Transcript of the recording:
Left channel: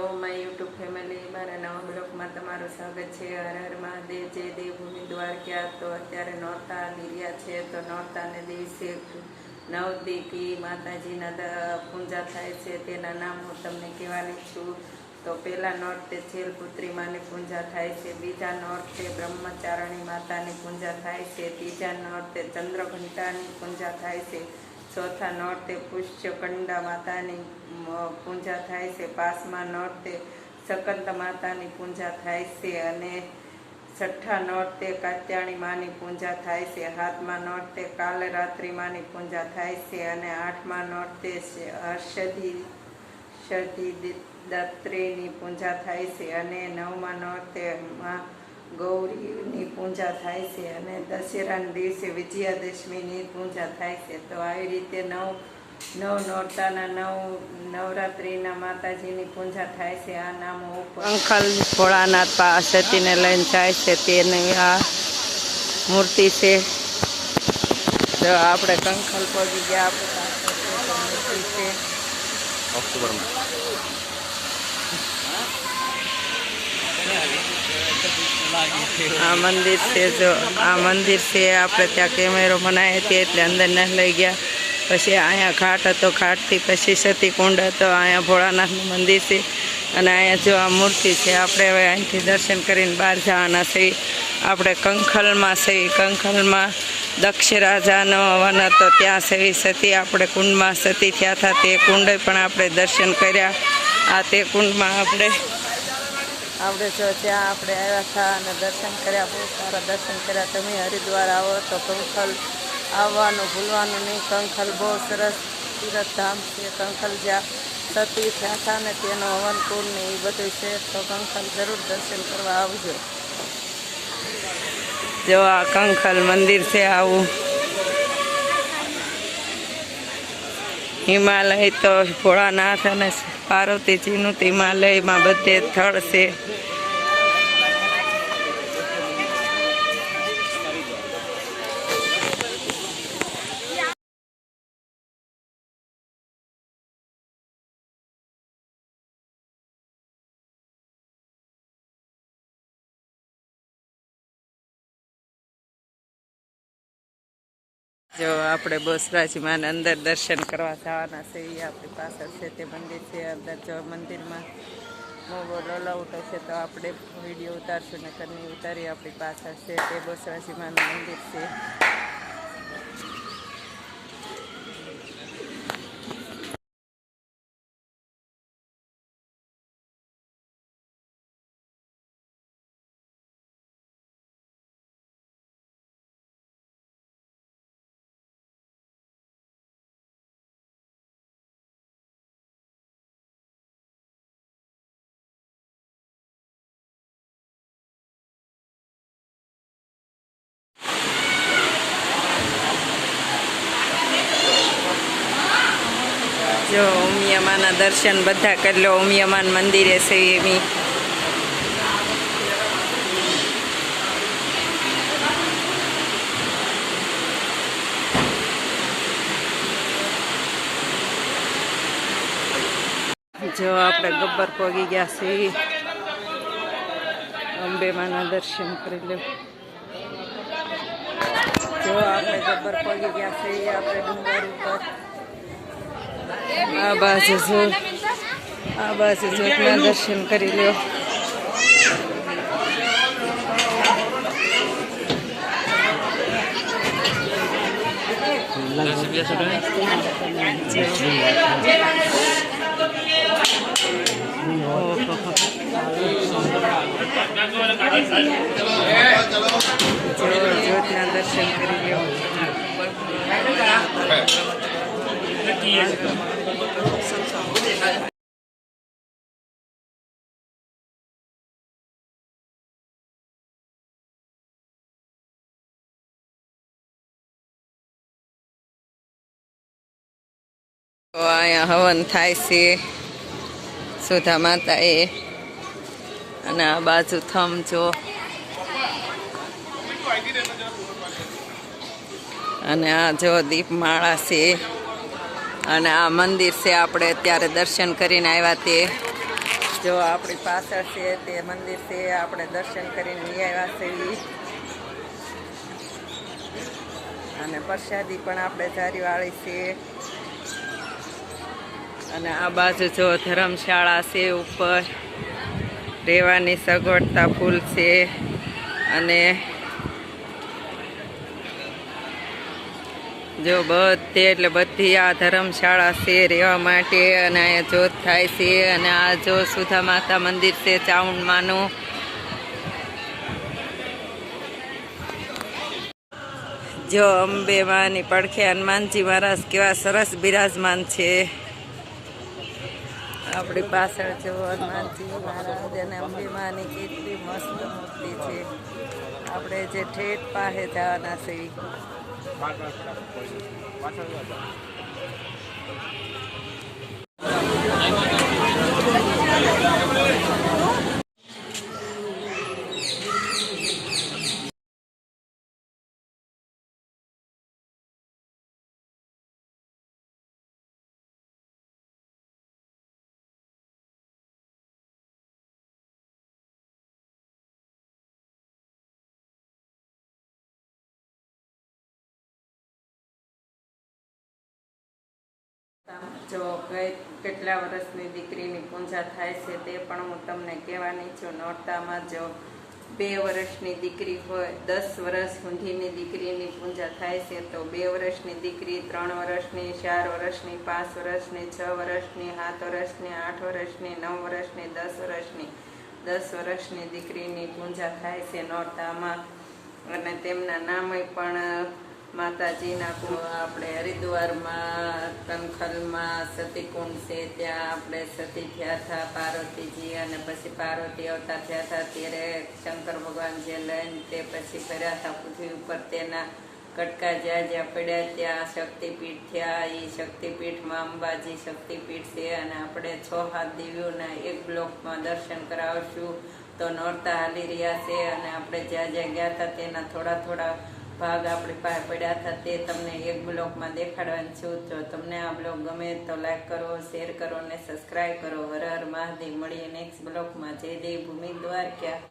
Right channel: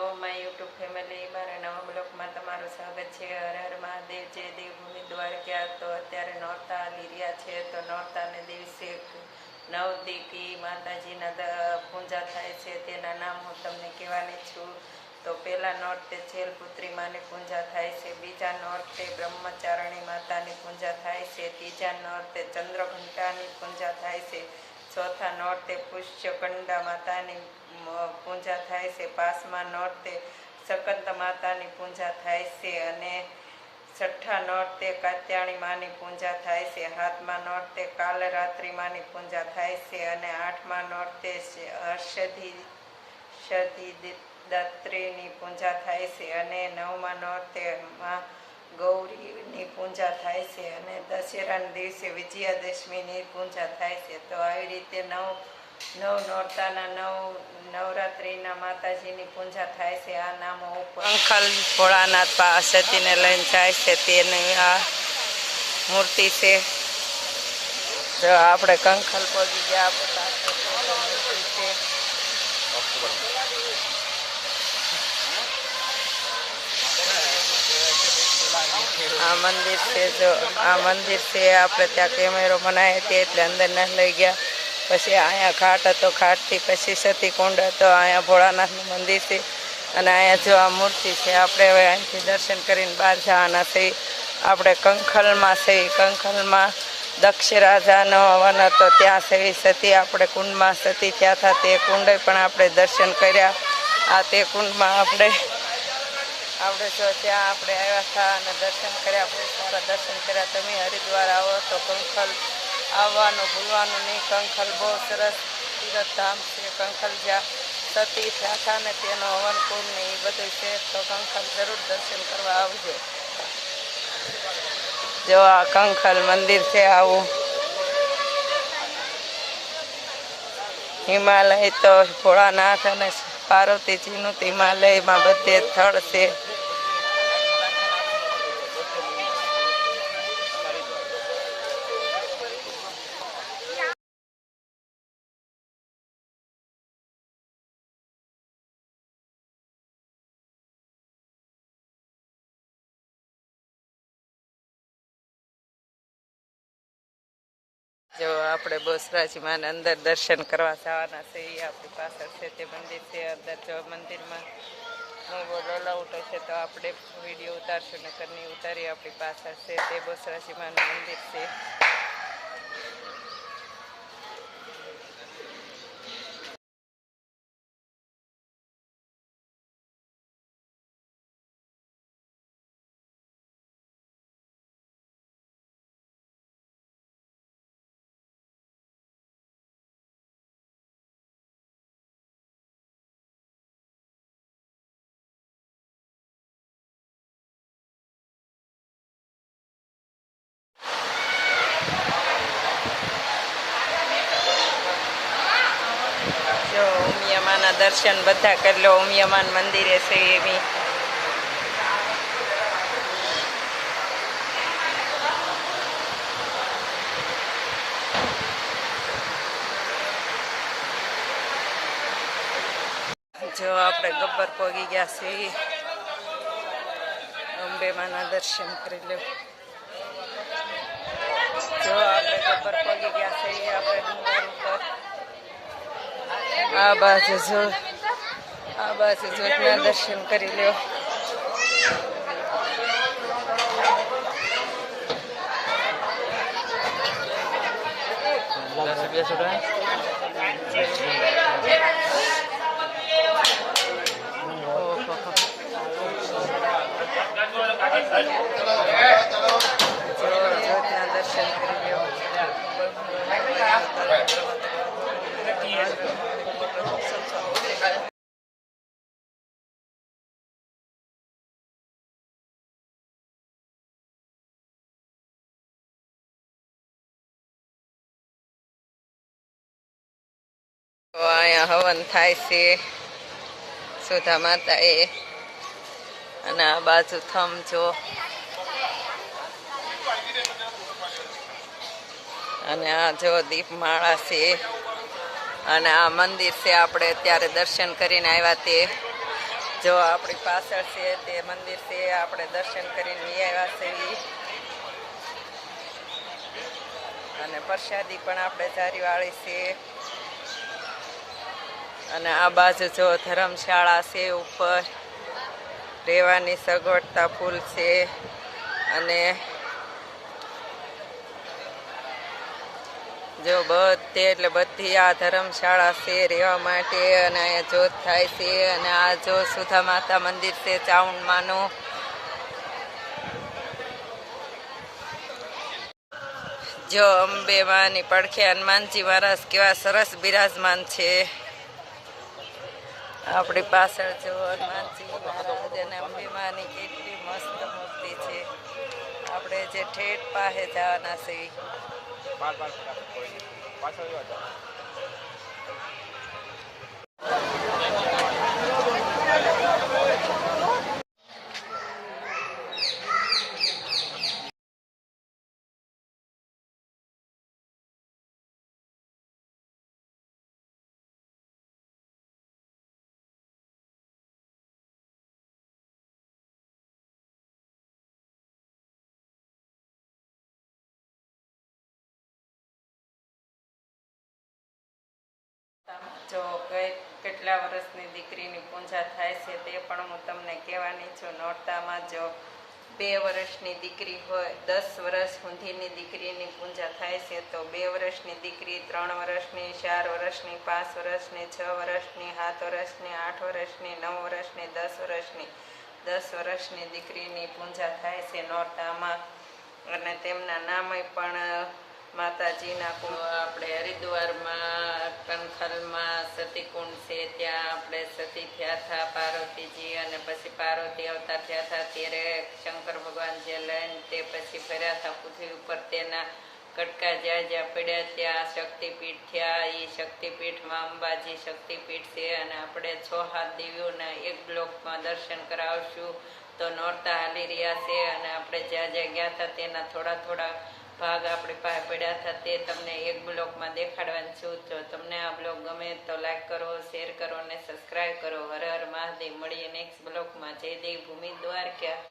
Hello my YouTube family, મારા નવા બ્લોગમાં તમારું સ્વાગત છે। હર હર મહાદેવ, જય દેવભૂમિ દ્વારકા। તો અત્યારે નોરતા હાલી રહ્યા છે, તો નોરતાને દિવસે 9 દીથી માતાજીના પૂજા થાય છે, તેના નામ હું તમને કહેવાની છું। તો પહેલા નોરતે છેલપુત્રી માની પૂજા થાય છે, બીજા નોરતે બ્રહ્મચારણી માતાની પૂજા થાય છે, ત્રીજા નોરતે ચંદ્રઘંટાની પૂજા થાય છે, ચોથા નોરતે પુષ્યકંડા માતાની પૂજા થાય છે, પાંચમા નોરતે શકંત માતાની પૂજા થાય છે, અને છઠ્ઠા નોરતે કાત્યાણી માની પૂજા થાય છે, સાતમા નોરતે કાલરાત્રિ માની પૂજા થાય છે, અને આઠમા નોરતે હર્ષદી દાત્રીની પૂજા થાય છે, અને નવમા નોરતે માં ગૌરીની પૂજા થાય છે, અને દશેરાના દિવસે વિજયાદશમીની પૂજા થાય છે। તો આવી રીતે નવ નોરતાના નવરાત્રિના માતાજીની પૂજા થાય છે। આ નામો ઉપર કંખલ ભોળાનાથ સતીને લઈને જાય છે, તેની આ મૂર્તિ છે। જો આપણે કંખલ પહોંચી ગયા, આપણે પાછળ છે તો મૂર્તિ છે। આ મંદિર છે, જો આ મંદિર છે, આપણે ત્યાં કેમેરો બનાવ્યો હતી એટલે અંદર ન લઈ ગયા। પછી અહીંયા ઘાટ હતો, ઘાટથી પછી સતી કુંડ હતો, અહીંયા ભોળાનાથનું મંદિર છે, અને અહીંયા જો આ મૂર્તિ છે। આપણે હવે અહીંથી દર્શન કરીને બહાર જવાના છે। આપણે કંખલમાં છે, કંખલમાં દક્ષ રાજાનો વન હતો, ત્યાં છે સતી આપણે કુંડમાં સતી થયા હતા, તે કુંડ પણ આપણે દર્શન કર્યા। આ તે કુંડમાં આપણે જો ત્યાં આપણે આવ્યા હતા અને દર્શન કર્યા, બહુ સારા દર્શન કર્યા। તમે હરિદ્વાર આવો તો કંખલ આવવાનું ભૂલવાનું નહીં। કંખલ બહુ સરસ તીર્થધામ છે। કંખલ જ્યાં સતી થયા હતા ને તેનો હવનકુંડ ને એ બધું છે, તો કંખલ જરૂર દર્શન કરવા આવજો। જો આ કંખલ મંદિર છે આવું। હિમાલય તો ભોળાનાથ અને પાર્વતીજીનું હિમાલયમાં બધે સ્થળ છે। જો આપણે બહુચરાજી માને અંદર દર્શન કરવા જવાના છે, એ આપણી પાછળ છે તે મંદિર છે। અંદર જો મંદિરમાં મોબાઈલ અલાઉટ હશે તો આપણે વિડીયો ઉતારશું, નકર નહીં ઉતારી। આપણી પાછળ છે તે બહુચરાજી માનું મંદિર છે। જો ઉમિયામાના દર્શન બધા કરી લો। ઉમિયામાન મંદિરે છે એમી જો આપણે ગબ્બર પહોંચી ગયા છીએ, અંબેમાના દર્શન કરી લો। જો આપણે ગબ્બર પહોંચી ગયા છીએ, આપણે ડુંગર ઉપર આ બાજુ જોતના દર્શન કરી લો। જોતના દર્શન કરી લો। અહીંયા હવન થાય છે સુધા માતાએ, અને આ બાજુ થમ જો, અને આ જો દીપમાળા છે, અને આ મંદિર છે આપણે અત્યારે દર્શન કરીને આવ્યા તે। જો આપણી પાછળ છે તે મંદિર છે, આપણે દર્શન કરીને આવ્યા છીએ અને પ્રસાદી પણ આપણે જારીવાળી છે. અને આ બાજુ જો ધર્મશાળા છે, ઉપર રહેવાની સગવડતા ફૂલ છે. અને જો બધે એટલે બધી આ ધર્મશાળા છે રહેવા માટે. અને અહીંયા જોત થાય છે. અને આ જો સુધા માતા મંદિર છે ચાઉંડમાનું. જો અંબે માની પડખે હનુમાનજી મહારાજ કેવા સરસ બિરાજમાન છે. આપણી પાછળ જો હનુમાનજી મહારાજ અને અંબે માની કેટલી મસ્ત મૂર્તિ છે. આપણે જે ઠેઠ પાસે જવાના છીએ. જો કેટલા વર્ષની દીકરીની પૂજા થાય છે તે પણ હું તમને કહેવાની છું. નોરતામાં જો 2 વર્ષની દીકરી હોય, 10 વર્ષ સુધીની દીકરીની પૂજા થાય છે, તો 2 વર્ષની દીકરી 3 વર્ષની, 4 વર્ષની, 5 વર્ષની, 6 વર્ષની, 7 વર્ષની, 8 વર્ષની, 9 વર્ષની, 10 વર્ષની 10 વર્ષની દીકરીની પૂજા થાય છે નોરતામાં. અને તેમના નામે પણ માતાજીના આપણે હરિદ્વારમાં કનખલમાં સતીકુંડ છે, ત્યાં આપણે સતી થયા હતા પાર્વતીજી. અને પછી પાર્વતી અવતાર થયા હતા ત્યારે શંકર ભગવાન જે લઈને તે પછી ફર્યા હતા પૃથ્વી ઉપર. તેના કટકા જ્યાં જ્યાં પડ્યા ત્યાં શક્તિપીઠ થયા. એ શક્તિપીઠમાં અંબાજી શક્તિપીઠ છે. અને આપણે 6-7 દેવીઓના એક બ્લોકમાં દર્શન કરાવશું. તો નોરતા હાલી રહ્યા છે અને આપણે જ્યાં જ્યાં ગયા હતા તેના થોડા ભાગ આપણી પાસે પડ્યા હતા તે તમને એક બ્લોગમાં દેખાડવાનું છું. જો તમને આ બ્લોગ ગમે તો લાઈક કરો, શેર કરો અને સબસ્ક્રાઈબ કરો. હર હર મહાદેવ. મળીએ નેક્સ્ટ બ્લોગમાં. જય દેવ ભૂમિ દ્વારકા.